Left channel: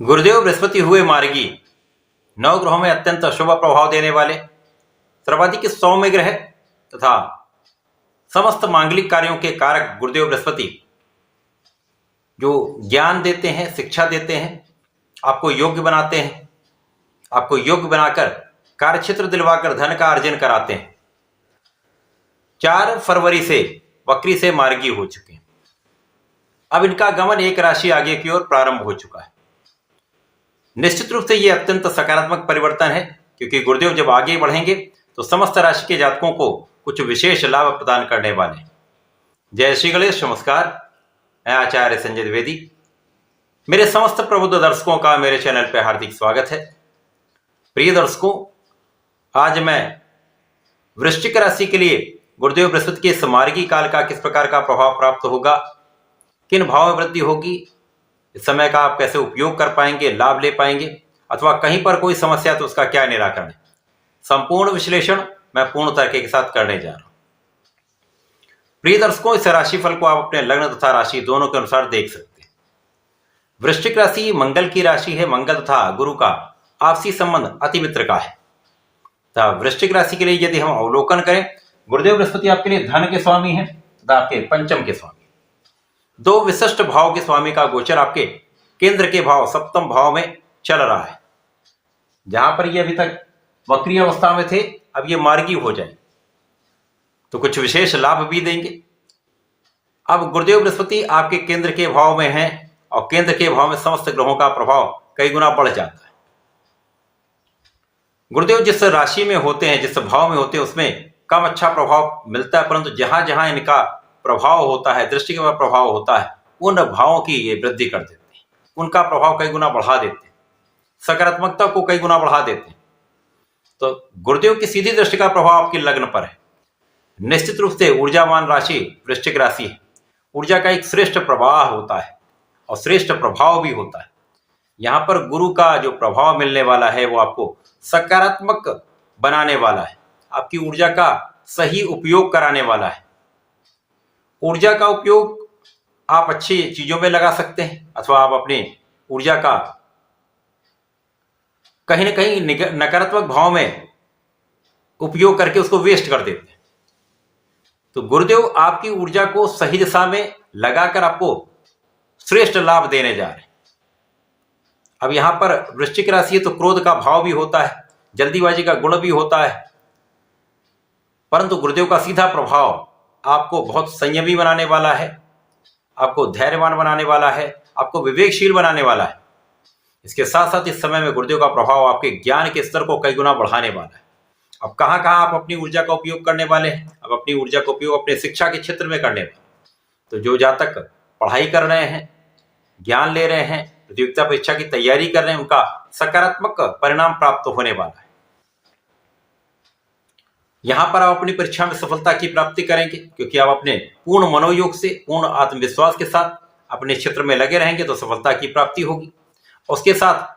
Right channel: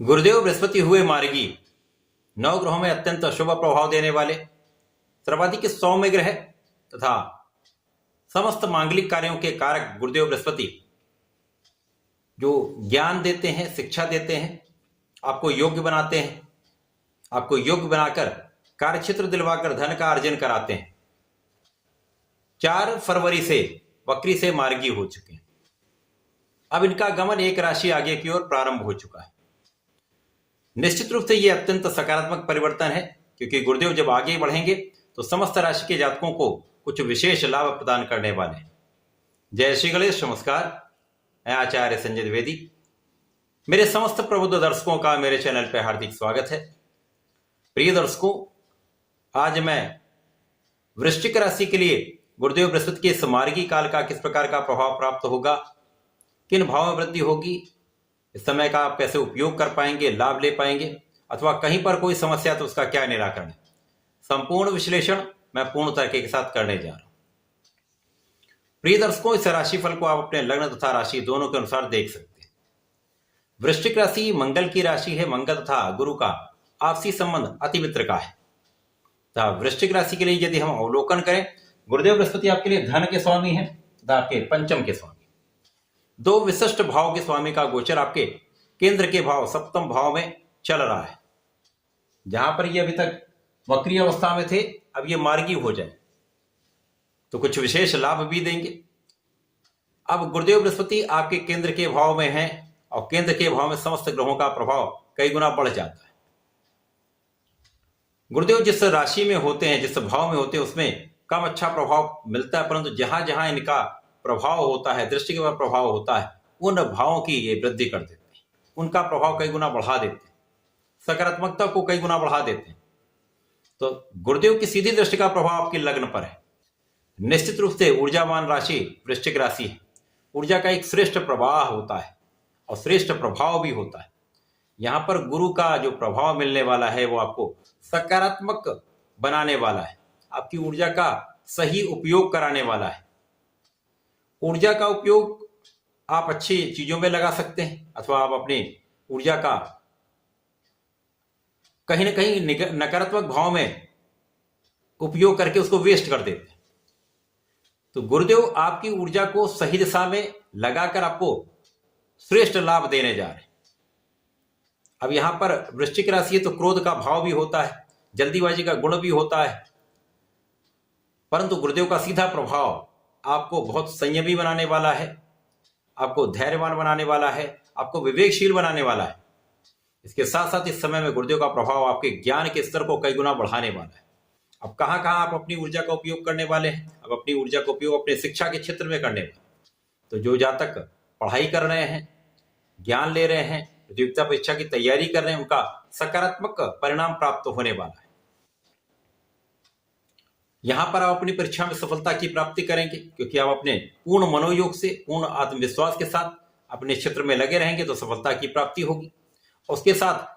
गुरुदेव बृहस्पति हुए मार्गी, नवग्रहों में अत्यंत शुभ प्रभाव देने वाले सर्वाधिक सौम्य ग्रह तथा समस्त मांगलिक कार्यों के कारक गुरुदेव बृहस्पति जो ज्ञान देते हैं, शिक्षा देते हैं, आपको योग्य बनाते हैं, आपको योग्य बनाकर कार्यक्षेत्र दिलवाकर धन का अर्जन कराते हैं। 4 फरवरी से वक्री से मार्गी हो चुके हैं। अब इनका गमन एक राशि आगे की ओर प्रारंभ हो चुका है। निश्चित रूप से यह अत्यंत सकारात्मक परिवर्तन है, क्योंकि गुरुदेव जब आगे बढ़ेंगे तो समस्त राशि के जातकों को कुछ विशेष लाभ प्रदान करने वाले हैं। जय श्री गणेश, नमस्कार। मैं आचार्य संजय द्विवेदी। मेरे समस्त प्रबुद्ध दर्शकों का मेरे चैनल पर हार्दिक स्वागत है। प्रिय दर्शकों, आज मैं वृश्चिक राशि के लिए गुरुदेव बृहस्पति के इस मार्गी काल का किस प्रकार का प्रभाव प्राप्त होगा, किन भाव में वृद्धि होगी, इस समय का आप कैसे उपयोग कर पाएंगे, लाभ ले पाएंगे, अथवा कहीं पर कोई समस्या तो उसका क्या निराकरण है, संपूर्ण विश्लेषण मैं पूर्ण तरीके के साथ करने जा रहा हूं। प्रिय दर्शकों, इस राशिफल को आप अपने लग्न तथा राशि दोनों के अनुसार देख सकते हैं। वृश्चिक राशि मंगल की राशि है। मंगल तथा गुरु का आपसी संबंध अति मित्र का है। तथा वृश्चिक राशि के लिए यदि हम अवलोकन करें, गुरुदेव बृहस्पति आपके लिए धन के स्वामी हैं तथा आपके पंचम के स्वामी। 2 विशिष्ट भाव के स्वामी का गोचर आपके केंद्र के भाव सप्तम भाव में चल रहा है। जहां पर ये अभी तक वक्री अवस्था में थे, अब ये मार्गी हो जाए तो कुछ विशेष लाभ भी देंगे। अब गुरुदेव बृहस्पति आपके केंद्र के भाव में हैं और केंद्र के भाव में समस्त ग्रहों का प्रभाव कई गुना बढ़ जाता है। गुरुदेव जिस राशि में होते हैं, जिस भाव में होते हैं, उसमें कम अच्छा प्रभाव मिलता है, परंतु जहां जहां इनका प्रभाव होता है, दृष्टि का प्रभाव होता है, उन भावों की ये वृद्धि कर देते हैं, उनका प्रभाव कई गुना बढ़ा देते हैं, सकारात्मकता को कई गुना बढ़ा देते हैं। तो गुरुदेव की सीधी दृष्टि का प्रभाव आपके लग्न पर है। निश्चित रूप से ऊर्जावान राशि वृश्चिक राशि है। ऊर्जा का एक श्रेष्ठ प्रवाह होता है और श्रेष्ठ प्रभाव भी होता है। यहां पर गुरु का जो प्रभाव मिलने वाला है वो आपको सकारात्मक बनाने वाला है, आपकी ऊर्जा का सही उपयोग कराने वाला है। ऊर्जा का उपयोग आप अच्छी चीजों में लगा सकते हैं, अथवा आप अपनी ऊर्जा का कहीं ना कहीं नकारात्मक भाव में उपयोग करके उसको वेस्ट कर देते हैं। तो गुरुदेव आपकी ऊर्जा को सही दिशा में लगाकर आपको श्रेष्ठ लाभ देने जा रहे हैं। अब यहां पर वृश्चिक राशि है तो क्रोध का भाव भी होता है, जल्दीबाजी का गुण भी होता है, परंतु गुरुदेव का सीधा प्रभाव आपको बहुत संयमी बनाने वाला है, आपको धैर्यवान बनाने वाला है, आपको विवेकशील बनाने वाला है। इसके साथ साथ इस समय में गुरुदेव का प्रभाव आपके ज्ञान के स्तर को कई गुना बढ़ाने वाला है। अब कहां कहां आप अपनी ऊर्जा का उपयोग करने वाले हैं? अब अपनी ऊर्जा का उपयोग अपने शिक्षा के क्षेत्र में करने वाले। तो जो जातक पढ़ाई कर रहे हैं, ज्ञान ले रहे हैं, प्रतियोगिता परीक्षा की तैयारी कर रहे हैं, उनका सकारात्मक परिणाम प्राप्त होने वाला है। यहां पर आप अपनी परीक्षा में सफलता की प्राप्ति करेंगे, क्योंकि आप अपने पूर्ण मनोयोग से, पूर्ण आत्मविश्वास के साथ अपने क्षेत्र में लगे रहेंगे तो सफलता की प्राप्ति होगी। उसके साथ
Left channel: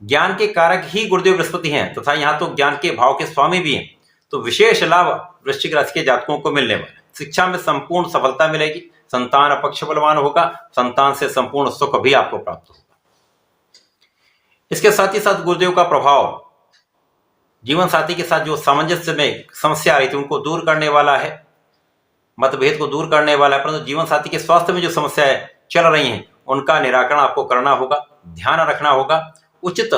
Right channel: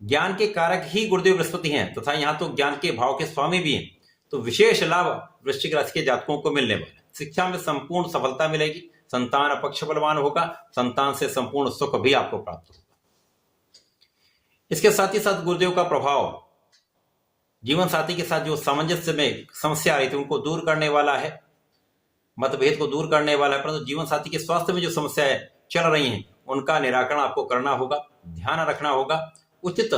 ज्ञान के कारक ही गुरुदेव बृहस्पति हैं तथा यहां तो ज्ञान के भाव के स्वामी भी हैं, तो विशेष लाभ वृश्चिक राशि के जातकों को मिलने वाला है। शिक्षा में संपूर्ण सफलता मिलेगी, संतान अपक्ष बलवान होगा, संतान से संपूर्ण सुख भी आपको प्राप्त होगा। इसके साथ ही साथ गुरुदेव का प्रभाव जीवन साथी के साथ जो सामंजस्य में समस्या आ रही थी उनको दूर करने वाला है, मतभेद को दूर करने वाला है, परंतु जीवन साथी के स्वास्थ्य में जो समस्याएं चल रही हैं उनका निराकरण आपको करना होगा, ध्यान रखना होगा, उचित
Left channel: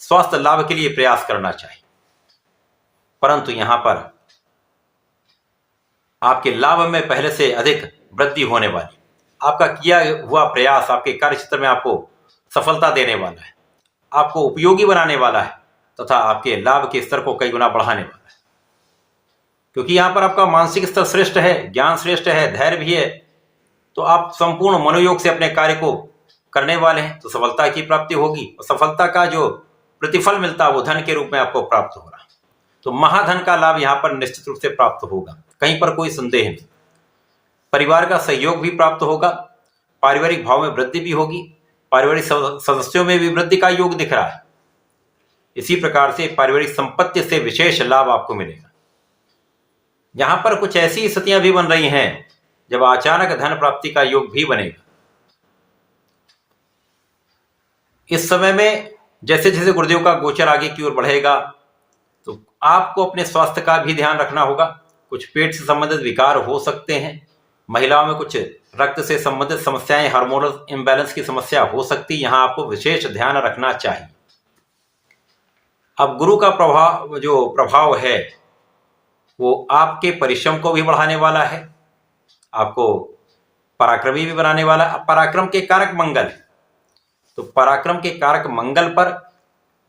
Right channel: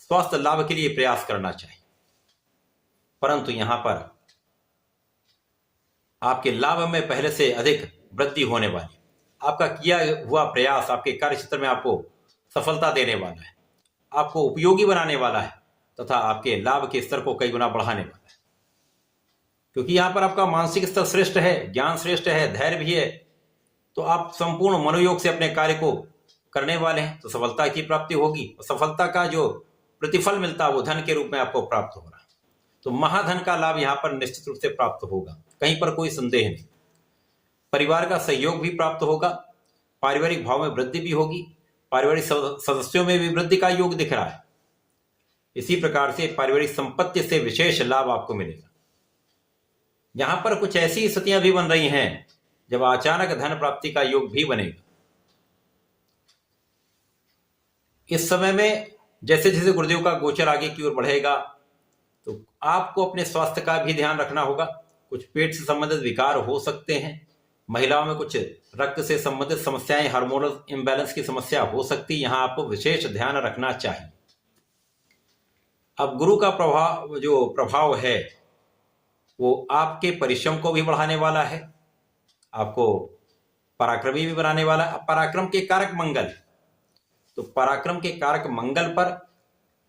स्वास्थ्य लाभ के लिए प्रयास करना चाहिए। परंतु यहां पर आपके लाभ में पहले से अधिक वृद्धि होने वाली, आपका किया हुआ प्रयास आपके कार्य क्षेत्र में आपको सफलता देने वाला है, आपको उपयोगी बनाने वाला है तथा आपके लाभ के स्तर को कई गुना बढ़ाने वाला है। क्योंकि यहां पर आपका मानसिक स्तर श्रेष्ठ है, ज्ञान श्रेष्ठ है, धैर्य भी है, तो आप संपूर्ण मनोयोग से अपने कार्य को करने वाले हैं तो सफलता की प्राप्ति होगी। और सफलता का जो प्रतिफल मिलता है वो धन के रूप में आपको प्राप्त हो रहा है। तो महाधन का लाभ यहां पर निश्चित रूप से प्राप्त होगा, कहीं पर कोई संदेह नहीं। परिवार का सहयोग भी प्राप्त होगा, पारिवारिक भाव में वृद्धि भी होगी, पारिवारिक सदस्यों में भी वृद्धि का योग दिख रहा है। इसी प्रकार से पारिवारिक संपत्ति से विशेष लाभ आपको मिलेगा। यहां पर कुछ ऐसी स्थितियां भी बन रही हैं जब अचानक धन प्राप्ति का योग भी बनेगा। इस समय में जैसे जैसे गुरुदेव का गोचर आगे की ओर बढ़ेगा तो आपको अपने स्वास्थ्य का भी ध्यान रखना होगा। कुछ पेट से संबंधित विकार हो सकते हैं, महिलाओं में कुछ रक्त से संबंधित समस्याएं, हार्मोनल इम्बैलेंस की समस्या हो सकती है, यहां आपको विशेष ध्यान रखना चाहिए। अब गुरु का प्रभाव है वो आपके परिश्रम को भी बढ़ाने वाला है, आपको पराक्रमी भी बनाने वाला। अब पराक्रम के कारक मंगल है, तो पराक्रम के कारक मंगल पर,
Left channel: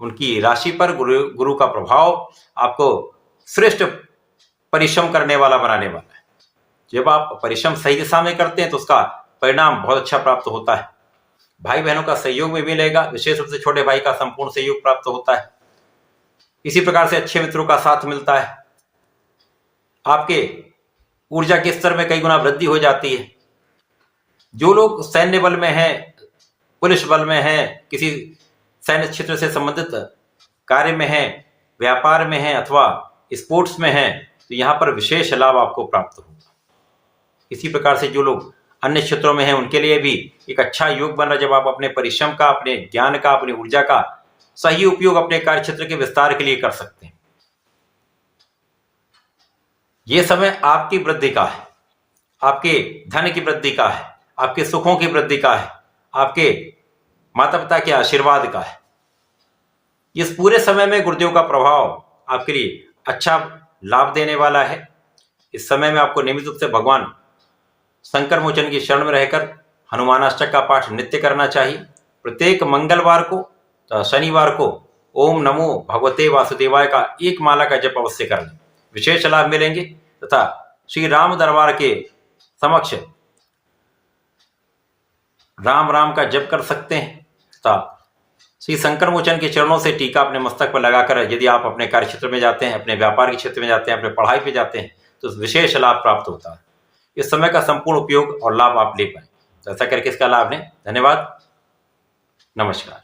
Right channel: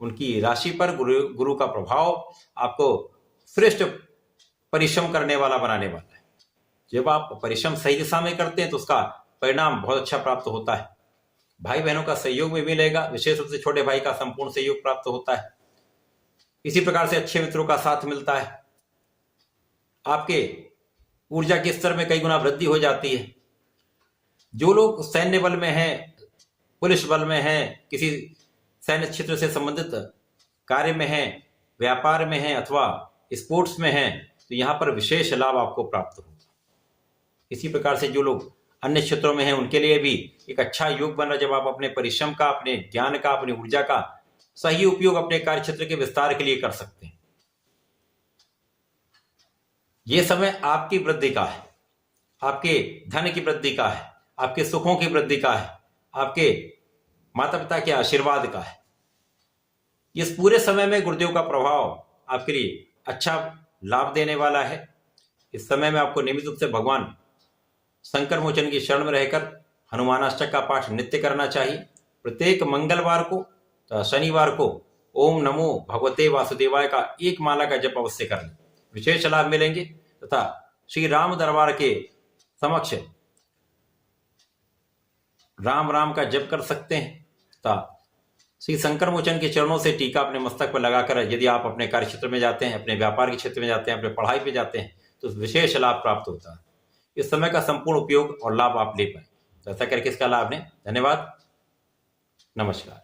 उनकी राशि पर गुरु का प्रभाव आपको श्रेष्ठ परिश्रम करने वाला बनाने वाला है। जब आप परिश्रम सही दिशा में करते हैं तो उसका परिणाम बहुत अच्छा प्राप्त होता है। भाई बहनों का सहयोग भी मिलेगा, विशेष रूप से छोटे भाई का संपूर्ण सहयोग प्राप्त होता है। इसी प्रकार से अच्छे मित्रों का साथ मिलता है। आपके ऊर्जा के स्तर में कई गुना वृद्धि हो जाती है। जो लोग सैन्य बल में हैं, पुलिस बल में हैं, किसी सैन्य क्षेत्र से संबंधित कार्य में हैं, व्यापार में हैं अथवा स्पोर्ट्स में हैं, तो यहाँ पर विशेष लाभ आपको प्राप्त होगा। इसी प्रकार से जो लोग अन्य क्षेत्रों में हैं उनके लिए भी एक अच्छा योग बन रहा है, जब आप अपने परिश्रम का, अपने ज्ञान का, अपनी ऊर्जा का सही उपयोग अपने कार्य क्षेत्र के विस्तार के लिए कर सकते हैं। यह समय आपकी वृद्धि का है, आपके धन की वृद्धि का है, आपके सुखों की वृद्धि का है, आपके माता पिता के आशीर्वाद का है। इस पूरे समय में गुरुदेव का प्रभाव आपके लिए अच्छा लाभ देने वाला है। इस समय में आपको नियमित रूप से भगवान शंकर मोचन की शरण में रहकर हनुमानाष्टक का पाठ नित्य करना चाहिए। प्रत्येक मंगलवार को, शनिवार को ओम नमो भगवते वासुदेवाय का एक माला का जप अवश्य कर लें, विशेष लाभ मिलेंगे। तथा श्री राम दरबार के समक्ष राम राम का जप कर सकते हैं तथा श्री शंकर मोचन के चरणों से टीका अपने मस्तक पर लगाकर यदि आप अपने कार्य क्षेत्र में जाते हैं, अपने व्यापार के क्षेत्र में जाते हैं, अपने पढ़ाई पे जाते हैं, तो विशेष लाभ प्राप्त होता है। इस समय का संपूर्ण उपयोग और लाभ आप ले पाए, तो ऐसा करके इसका लाभ लें। धन्यवाद, नमस्कार।